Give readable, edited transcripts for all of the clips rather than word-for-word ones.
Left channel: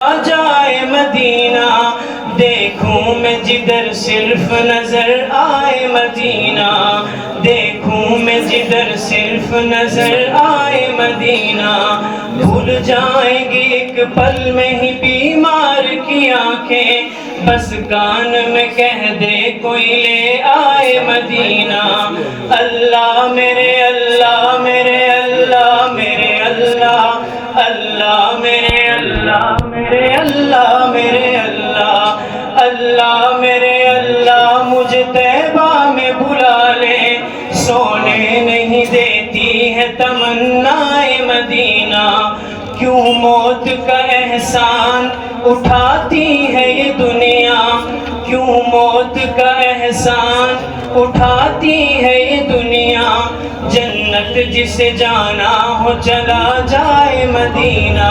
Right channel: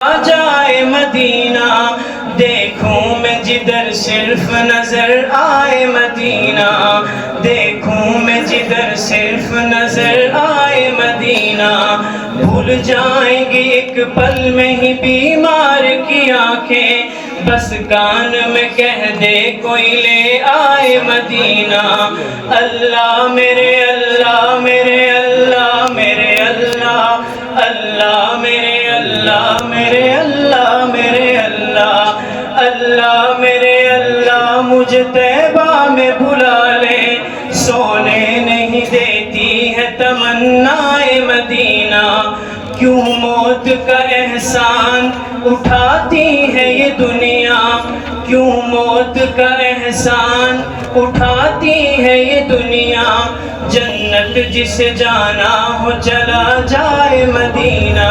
جائے مدینہ، دیکھوں میں جدھر صرف نظر آئے مدینہ، دیکھوں میں جدھر صرف نظر آئے مدینہ، بھول جائیں گی ایک پل میں ہی بیمار کی آنکھیں، بس کان میں کہہ دے کوئی لے آئے مدینہ۔ اللہ میرے اللہ میرے اللہ میرے اللہ، اللہ میرے اللہ میرے اللہ میرے اللہ، اللہ میرے اللہ مجھے طیبہ میں بلا لے، سونے نہیں دیتی ہے تمنائے مدینہ، کیوں موت کا احسان اٹھاتی ہے یہ دنیا، کیوں موت کا احسان اٹھاتی ہے یہ دنیا، جنت جسے جانا ہو چلا جائے مدینہ۔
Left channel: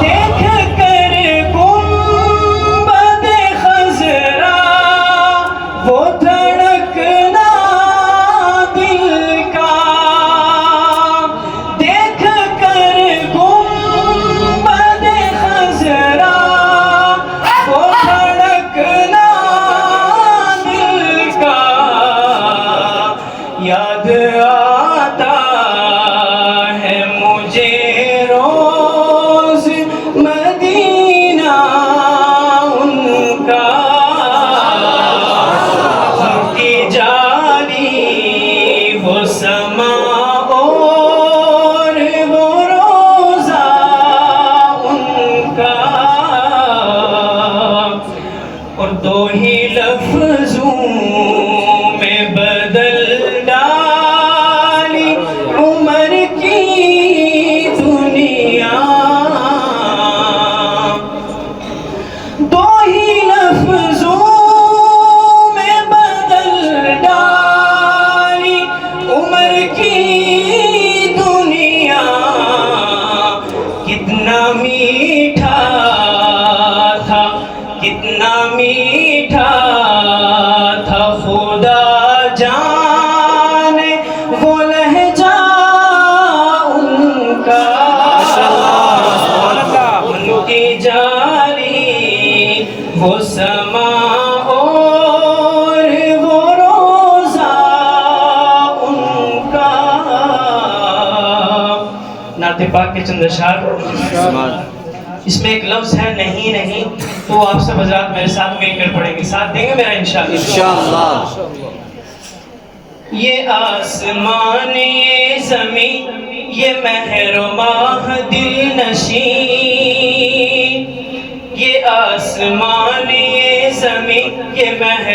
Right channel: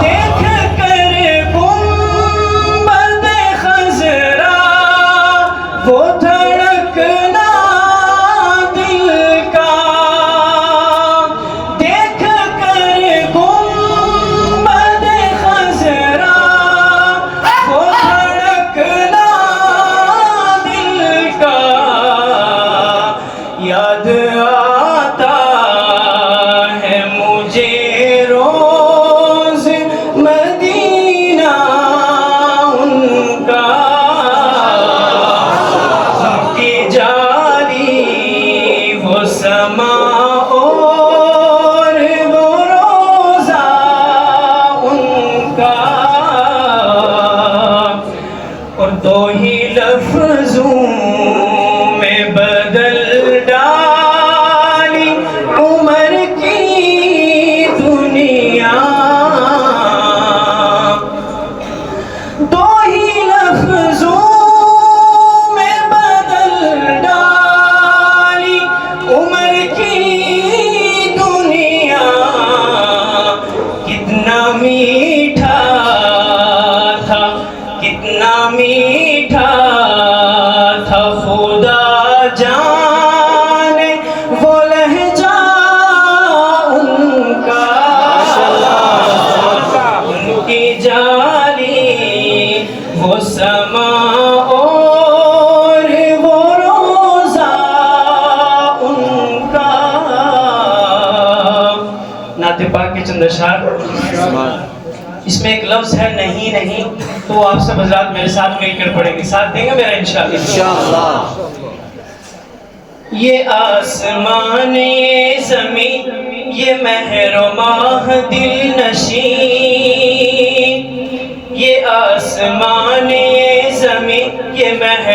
دیکھ کر گنبد خضرا وہ دھڑکنا دل کا، دیکھ کر گنبد خضرا وہ دھڑکنا دل کا، یاد آتا ہے مجھے روز مدینہ ان کا، ان کی جاری وہ سما اور وہ روزہ ان کا، اور دو ہی لفظوں میں بدل ڈالی عمر کی دنیا، دو ہی لفظوں میں بدل ڈالی عمر کی دنیا، کتنا میٹھا تھا کتنا میٹھا تھا خدا جانے وہ لہجہ ان کا، ان کی جاری وہ سما اور وہ روزہ ان کا۔ نعت پاک کے چند اشعار، اس میں ایک لفظ ہے نہیں نہیں، تو آپ سب حضرات میرے ساتھ مل کر پڑھیں گے، ساتھ دیں گے میرا انشاءاللہ۔ یہ آسمان یہ زمین یہ مہر و ماہ دل نشین، یہ آسمان یہ زمین یہ مہر